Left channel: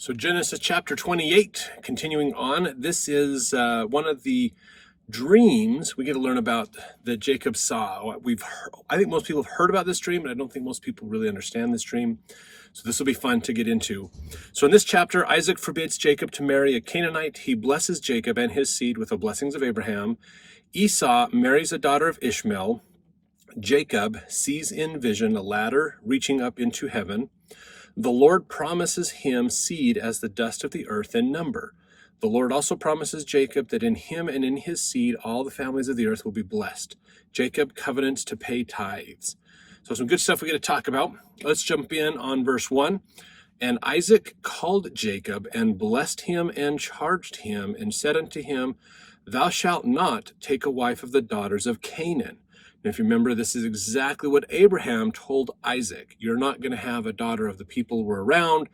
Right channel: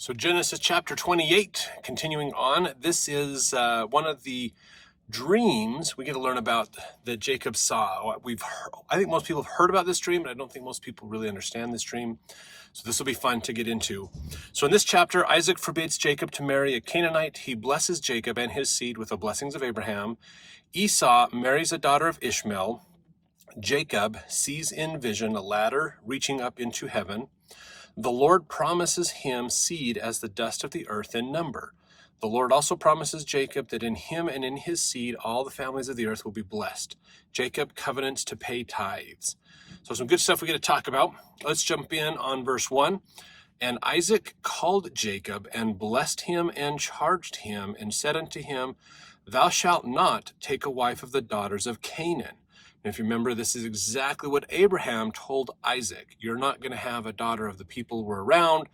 So Genesis chapter 28, continuing on. This is one of the dreams we get to learn about that Jacob saw. I think most people have heard about this dream, but I don't think most people really understand this dream. So this will be fun to get into. So in this chapter, Isaac forbids Jacob to marry a Canaanite. He blesses Jacob and his seed with the blessings of Abraham. Esau marries a daughter of Ishmael. Jacob sees in vision a ladder reaching up into heaven. The Lord promises him seed as the dust of the earth in number. The Lord also promises Jacob that in him and in his seed all the families of the earth will be blessed. Jacob covenants to pay tithes. So some good stuff we get to talk about. Let's jump in on verse 1. And Isaac called Jacob and blessed him and charged him and said unto him, Thou shalt not take a wife of the daughters of Canaan. And if you remember, this is exactly what Abraham told Isaac. You're not going to have a daughter of the people who were around.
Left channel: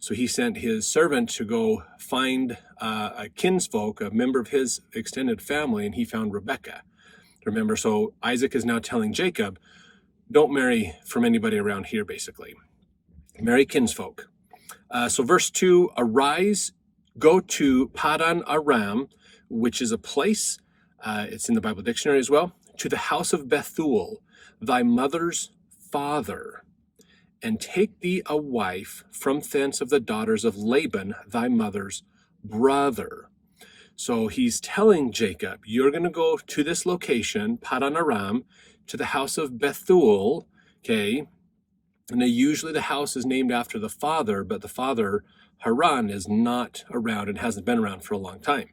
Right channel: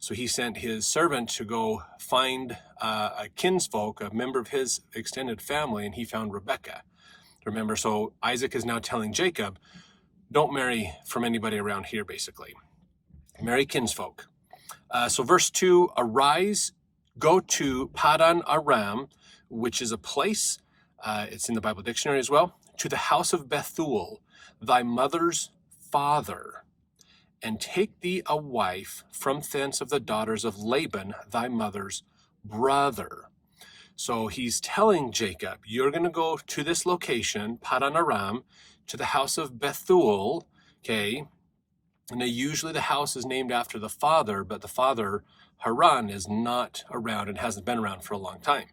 So he sent his servant to go find a kinsfolk, a member of his extended family, and he found Rebekah. Remember, so Isaac is now telling Jacob, don't marry from anybody around here, basically. Marry kinsfolk. So verse 2, arise, go to Padan Aram, which is a place, it's in the Bible dictionary as well, to the house of Bethul, thy mother's father, and take thee a wife from thence of the daughters of Laban, thy mother's brother. So he's telling Jacob, you're going to go to this location, Padan Aram, to the house of Bethul, okay? And usually the house is named after the father, but the father, Haran, is not around and hasn't been around for a long time.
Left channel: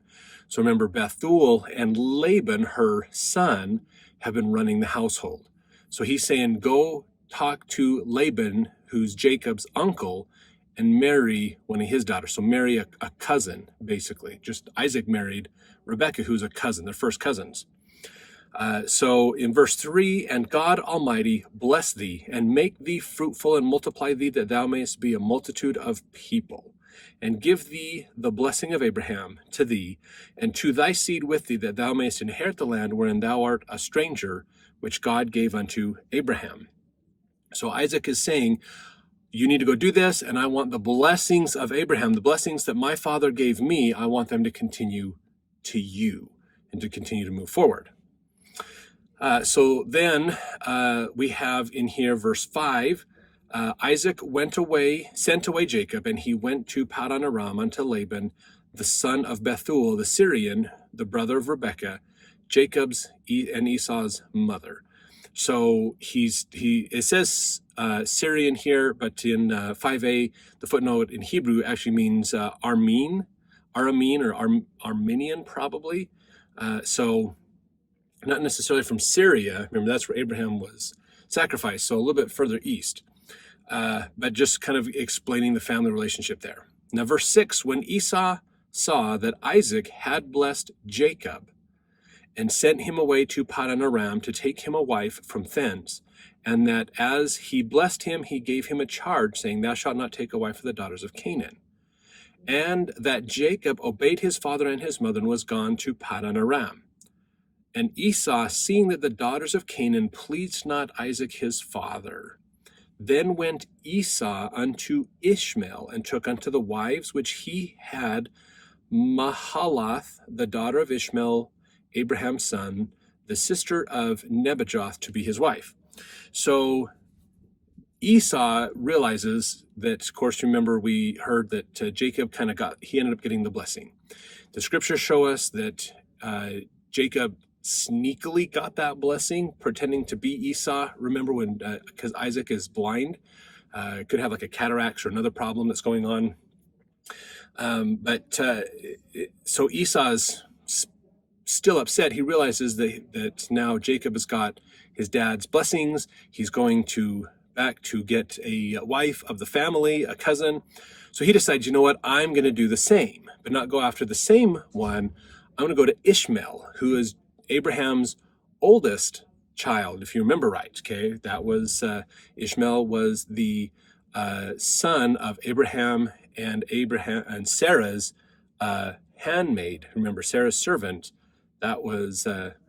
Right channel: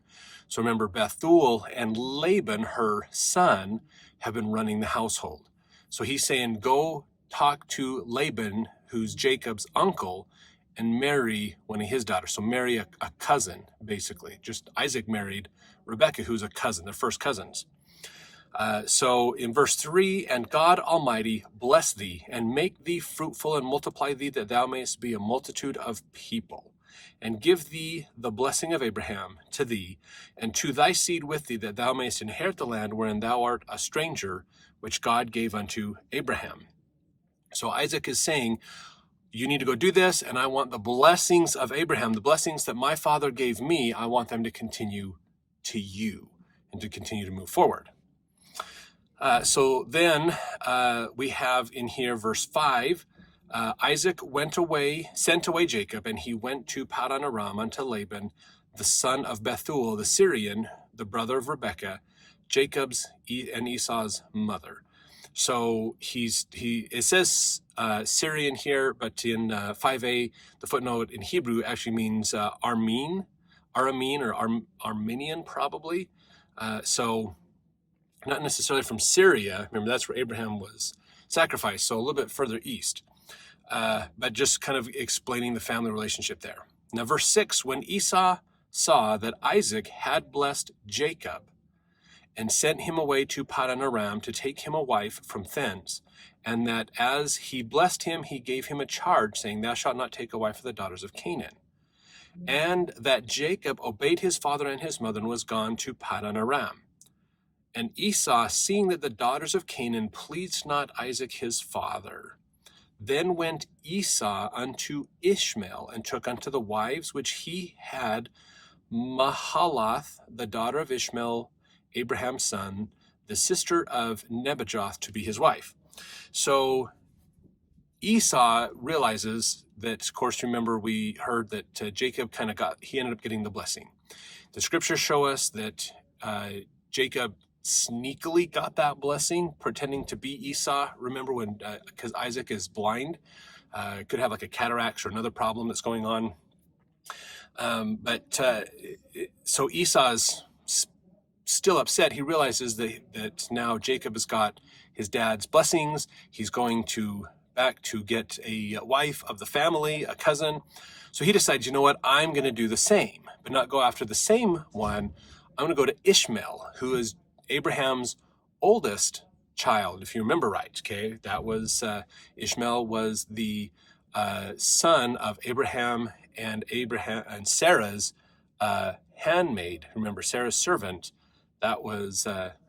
So remember, Bethul and Laban, her son, have been running the household. So he's saying, go talk to Laban, who's Jacob's uncle, and marry one of his daughters. So marry a cousin, basically. Just Isaac married Rebekah, who's a cousin. They're first cousins. So in verse 3, and God Almighty bless thee, and make thee fruitful, and multiply thee, that thou mayest be a multitude of people, and give thee the blessing of Abraham to thee, and to thy seed with thee, that thou mayest inherit the land wherein thou art a stranger, which God gave unto Abraham. So Isaac is saying, you need to go do this, and I want the blessings of Abraham, the blessings that my father gave me, I want them to continue to you and to continue to move forward. So then we have in here verse 5, Isaac sent away Jacob, and he went to Padan Aram unto Laban, the son of Bethul, the Syrian, the brother of Rebekah, Jacob's and Esau's mother. So it says Syrian here, but in 5a, the footnote in Hebrew actually means Aramean or Armenian probably. So not necessarily from Syria. Remember, that's where Abraham was sacrificed, so a little bit further east. But just kind of explaining the family relationship there. Now, verse 6, when Esau saw that Isaac had blessed Jacob and sent him away to Padan Aram to take him a wife from thence, and that as he blessed him, he gave him a charge, saying, Thou shalt not take a wife of the daughters of Canaan. And that Jacob obeyed his father and his mother and was gone to Padan Aram. And Esau, seeing that the daughters of Canaan pleased not Isaac his father, then went Esau unto Ishmael, and took unto the wives which he had Mahalath, the daughter of Ishmael, Abraham's son, the sister of Nebajoth, to be his wife. So Esau realizes that, of course, remember we heard that Jacob he ended up getting the blessing. The scriptures show us that Jacob sneakily got that blessing, pretending to be Esau. Remember when, because Isaac is blind, could have like a cataracts or another problem that's going on. So Esau's still upset. He realizes that now Jacob has got his dad's blessings. He's going back to get a wife of the family, a cousin. So he decides, you know what, I'm going to do the same, but not go after the same one. I'm going to go to Ishmael, who is Abraham's oldest child, if you remember right. Okay, that was Ishmael was the son of Abraham and Sarah's handmaid. Remember, Sarah's servant. That was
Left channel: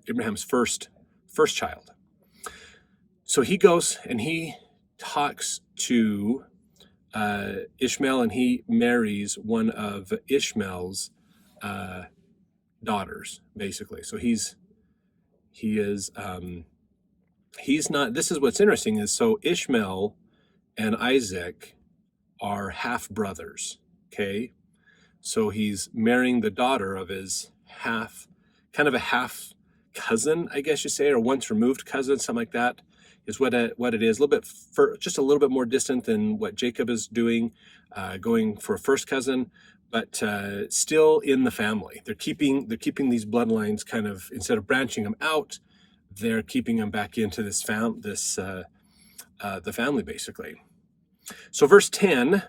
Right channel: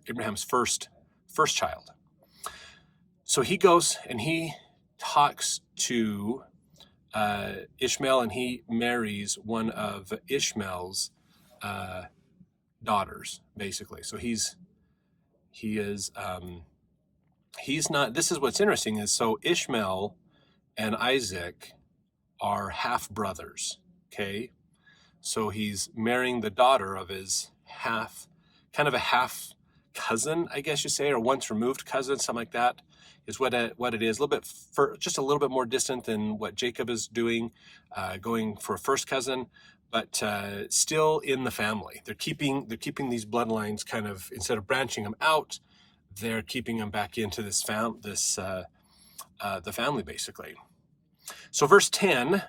Abraham's first child. So he goes and he talks to Ishmael, and he marries one of Ishmael's daughters, basically. So he's not. This is what's interesting is, so Ishmael and Isaac are half brothers. Okay, so he's marrying the daughter of his kind of a half cousin, I guess you say, or once removed cousin, something like that, is what it is. A little bit just a little bit more distant than what Jacob is doing, going for a first cousin, but still in the family. They're keeping these bloodlines kind of, instead of branching them out, they're keeping them back into the family, basically. So verse 10,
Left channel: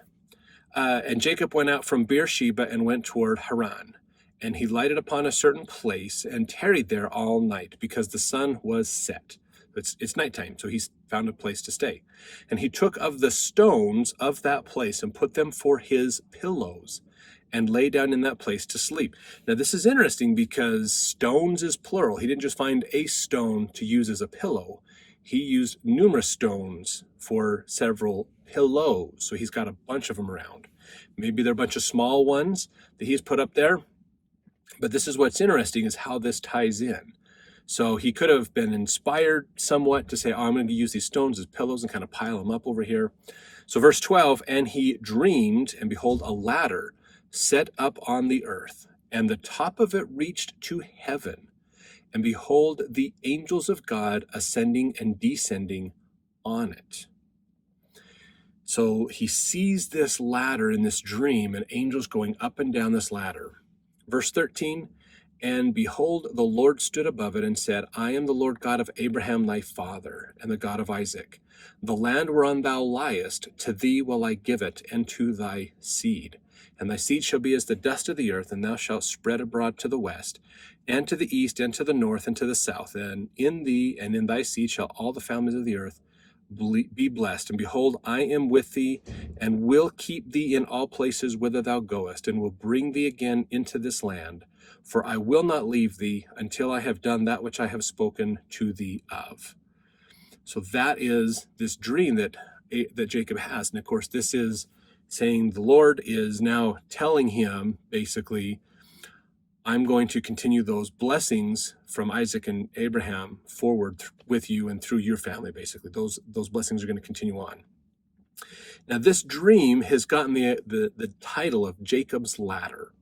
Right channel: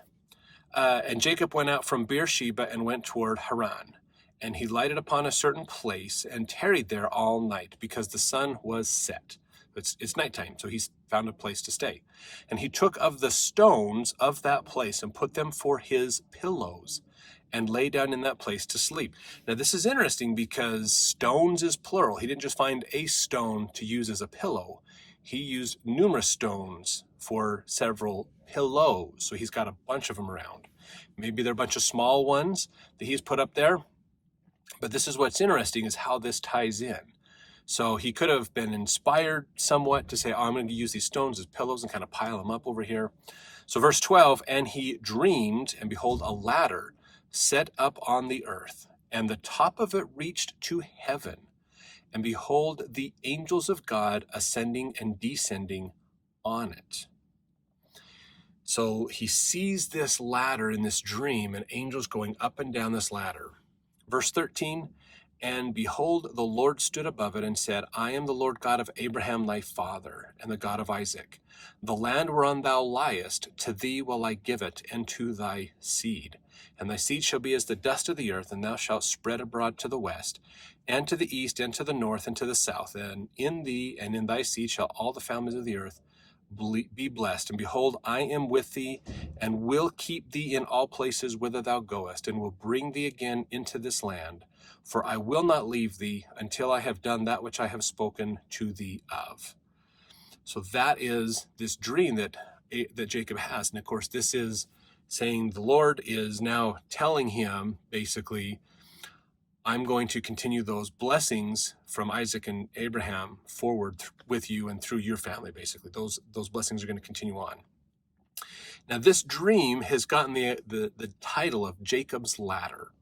and Jacob went out from Beersheba and went toward Haran. And he lighted upon a certain place and tarried there all night, because the sun was set. It's nighttime, so he's found a place to stay. And he took of the stones of that place and put them for his pillows, and lay down in that place to sleep. Now this is interesting because stones is plural. He didn't just find a stone to use as a pillow. He used numerous stones for several pillows. So he's got a bunch of them around. Maybe they're a bunch of small ones that he's put up there. But this is what's interesting, is how this ties in. So he could have been inspired somewhat to say, oh, I'm going to use these stones as pillows and kind of pile them up over here. So verse 12, and he dreamed, and behold, a ladder set up on the earth, and the top of it reached to heaven. And behold, the angels of God ascending and descending on it. So he sees this ladder in this dream, and angels going up and down this ladder. Verse 13, and behold, the Lord stood above it and said, I am the Lord God of Abraham thy father, and the God of Isaac. The land whereon thou liest, to thee will I give it, and to thy seed. And thy seed shall be as the dust of the earth, and thou shalt spread abroad to the west, and to the east, and to the north, and to the south. And in thee and in thy seed shall all the families of the earth be blessed. And behold, I am with thee, and will keep thee in all places whither thou goest, and will bring thee again into this land. For I will not leave thee until I have done that which I have spoken to thee of. So that is this dream that Jacob has. And of course, this is saying the Lord is now telling him, basically, I'm going to continue those blessings from Isaac and Abraham forward with you and through your family, basically. Those blessings are going to continue on. Now, this dream has gotten the title of Jacob's Ladder.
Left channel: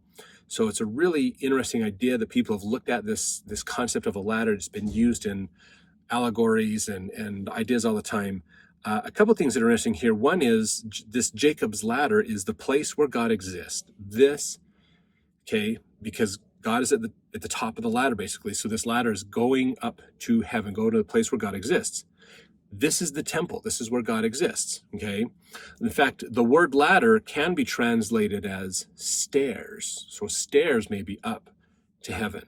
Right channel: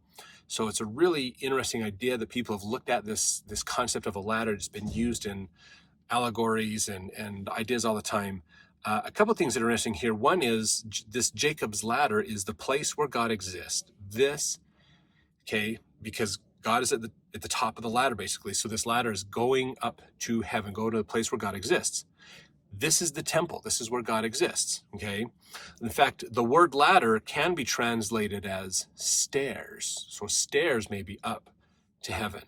So it's a really interesting idea that people have looked at this concept of a ladder. It's been used in allegories and ideas all the time. A couple of things that are interesting here. One is this Jacob's Ladder is the place where God exists. Because God is at the top of the ladder, basically. So this ladder is going up to heaven, go to the place where God exists. This is the temple. This is where God exists, okay? In fact, the word ladder can be translated as stairs. So stairs may be up to heaven.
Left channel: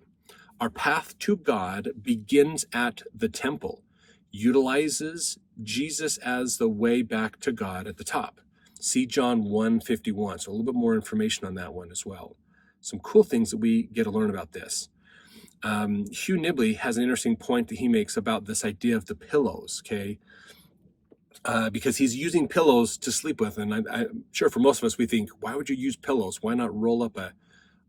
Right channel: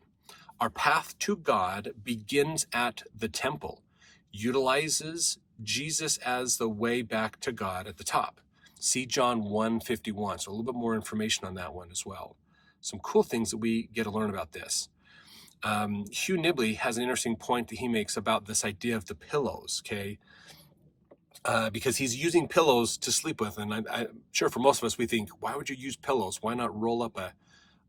Our path to God begins at the temple, utilizes Jesus as the way back to God at the top. See John 1:51. So a little bit more information on that one as well. Some cool things that we get to learn about this. Hugh Nibley has an interesting point that he makes about this idea of the pillows, okay? Because he's using pillows to sleep with. And I'm sure for most of us, we think, why would you use pillows? Why not roll up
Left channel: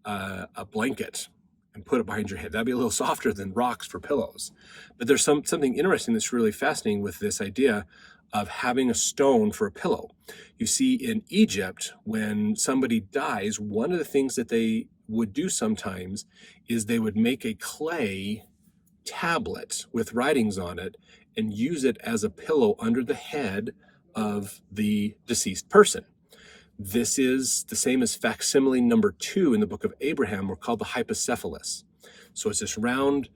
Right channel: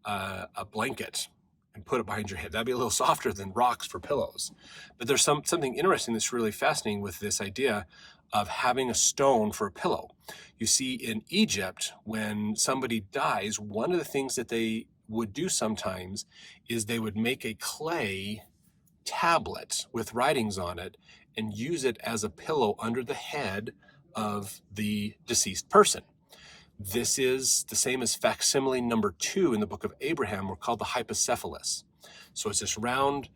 a blanket and put it behind your head? That'd be a little softer than rocks for pillows. But there's something interesting that's really fascinating with this idea of having a stone for a pillow. You see, in Egypt, when somebody dies, one of the things that they would do sometimes is they would make a clay tablet with writings on it and use it as a pillow under the head of the deceased person. This is the same as facsimile number 2 in the book of Abraham. We're called the hypocephalus. So it's this round,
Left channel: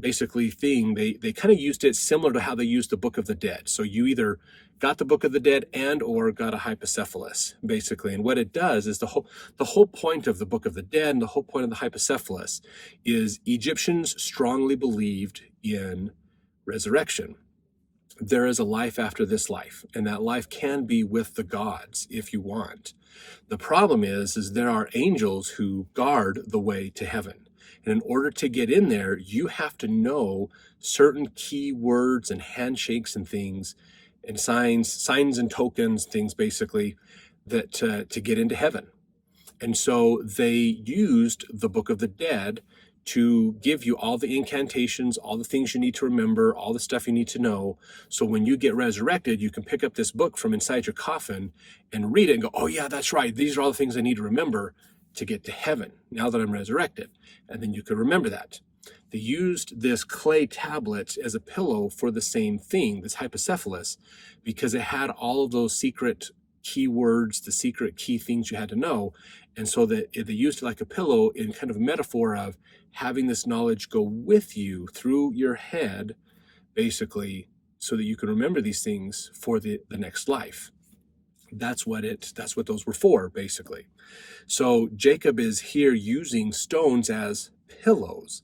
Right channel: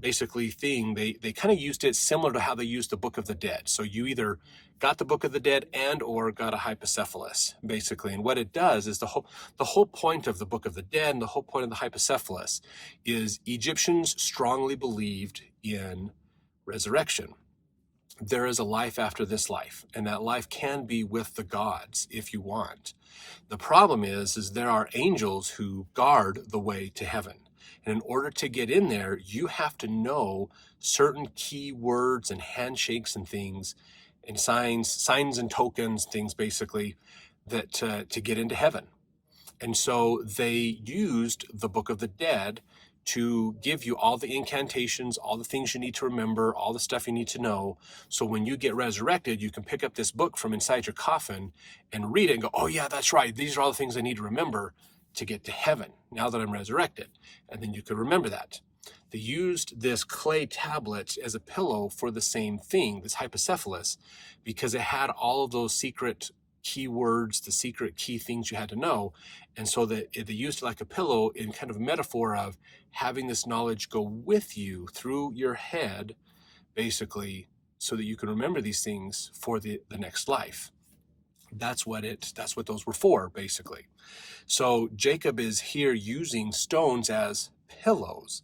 basically, thing. They kind of used it similar to how they used the Book of the Dead. So you either got the Book of the Dead and or got a hypocephalus, basically. And what it does is the whole point of the Book of the Dead and the whole point of the hypocephalus is Egyptians strongly believed in resurrection. There is a life after this life, and that life can be with the gods if you want. The problem is there are angels who guard the way to heaven. And in order to get in there, you have to know certain key words and handshakes and things and signs and tokens, things basically, that to get into heaven. And so they used the Book of the Dead to give you all the incantations, all the things you need to remember, all the stuff you need to know. So when you get resurrected, you can pick up this book from inside your coffin and read it and go, oh yeah, that's right. These are all the things I need to remember to get to heaven now that I'm resurrected. And then you could remember that. They used this clay tablet as a pillow for the same thing, this hypocephalus, because it had all of those secret keywords, the secret key things you had to know. And so that they used it like a pillow in kind of a metaphor of having this knowledge go with you through your head, basically, so that you can remember these things for the next life. That's what those were for, basically. So Jacob is here using stones as pillows,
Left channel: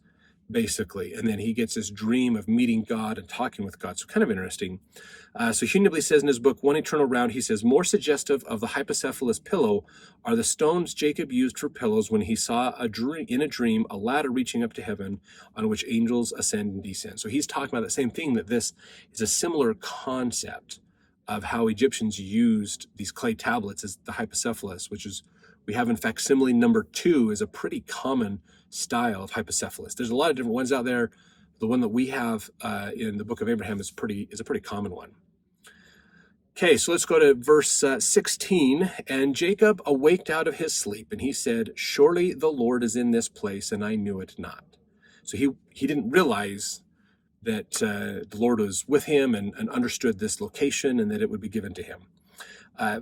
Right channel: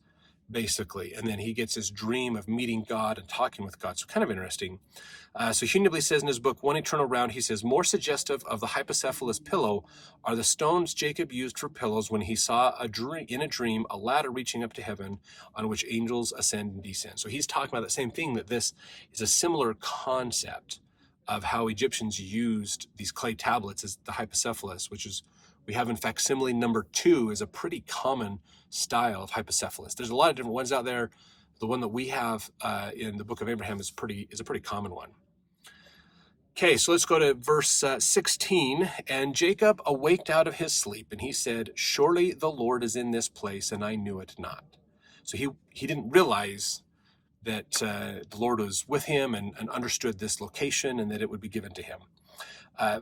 basically. And then he gets this dream of meeting God and talking with God. So kind of interesting. So Hugh Nibley says in his book, One Eternal Round, he says, more suggestive of the hypocephalus pillow are the stones Jacob used for pillows when he saw in a dream a ladder reaching up to heaven on which angels ascend and descend. So he's talking about the same thing, that this is a similar concept of how Egyptians used these clay tablets as the hypocephalus, which is, we have in facsimile number 2 is a pretty common style of hypocephalus. There's a lot of different ones out there. The one that we have in the book of Abraham is a pretty common one. Okay, so let's go to verse 16. And Jacob awaked out of his sleep, and he said, surely the Lord is in this place, and I knew it not. So he didn't realize that the Lord was with him and understood this location and that it would be given to him.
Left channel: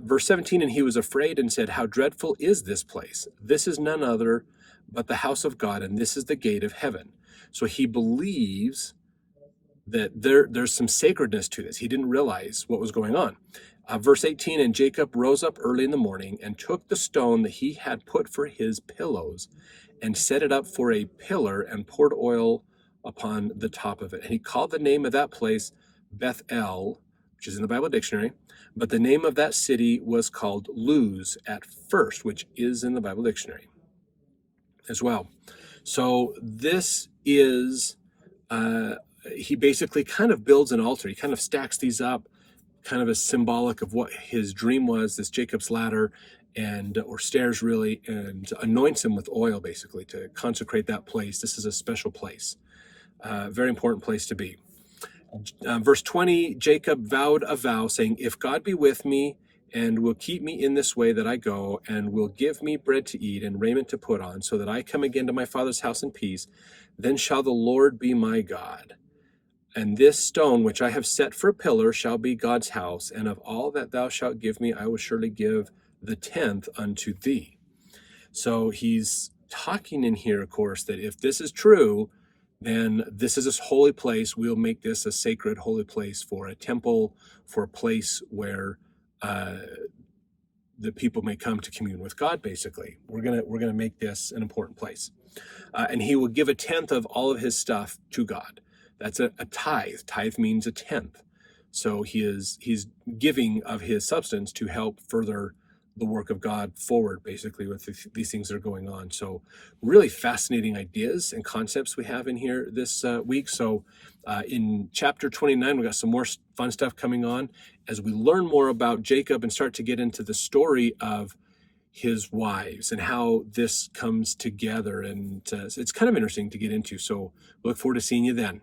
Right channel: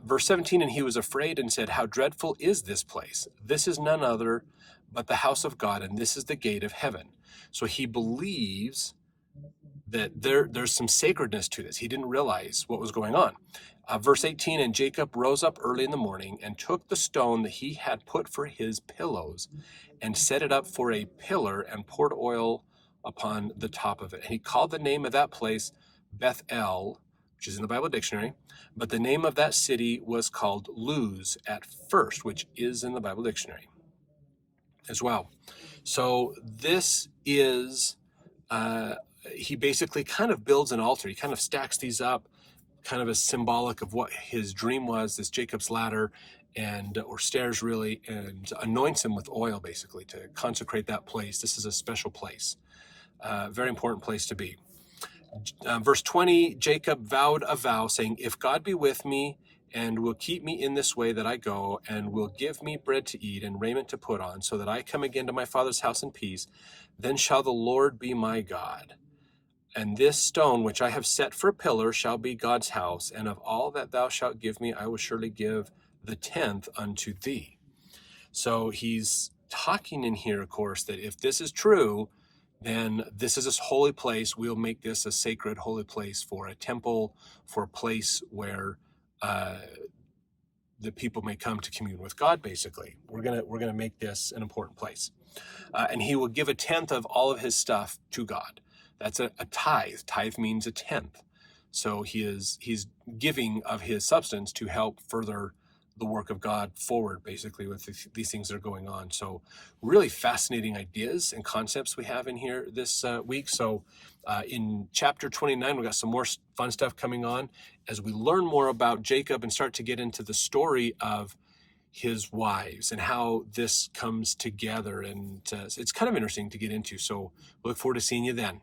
Verse 17, and he was afraid and said, how dreadful is this place? This is none other but the house of God, and this is the gate of heaven. So he believes that there's some sacredness to this. He didn't realize what was going on. Verse 18, and Jacob rose up early in the morning and took the stone that he had put for his pillows and set it up for a pillar and poured oil upon the top of it. And he called the name of that place Bethel, which is in the Bible dictionary, but the name of that city was called Luz at first, which is in the Bible dictionary as well. So this is, he basically kind of builds an altar. He kind of stacks these up, kind of as symbolic of what his dream was, this Jacob's ladder, or stairs really, and anoints him with oil basically to consecrate that place. This is a special place, very important place to be. Verse 20, Jacob vowed a vow saying, if God be with me and will keep me in this way that I go, and will give me bread to eat and raiment to put on, so that I come again to my father's house in peace, then shall the Lord be my God. And this stone which I have set for a pillar shall be God's house, and of all that thou shalt give me, I will surely give the 10th unto thee. So he's talking in here, of course, that if this is true, then this is a holy place. We'll make this a sacred holy place for a temple, for a place where the people may come to commune with God. Basically, we're gonna make this an important place, and he will give a 10th of all of his stuff to God. That's a tithe. Tithe means a 10th. So he's giving of his substance to help further the work of God forward, basically, with these things that are going on. So really fascinating ideas and concepts we have in here this week. So in chapter 29, we got some more fun stuff coming on as we learn more about Jacob and start to get into the story of his wives and how this comes together. And it's kind of interesting to get into. So look forward to seeing you then.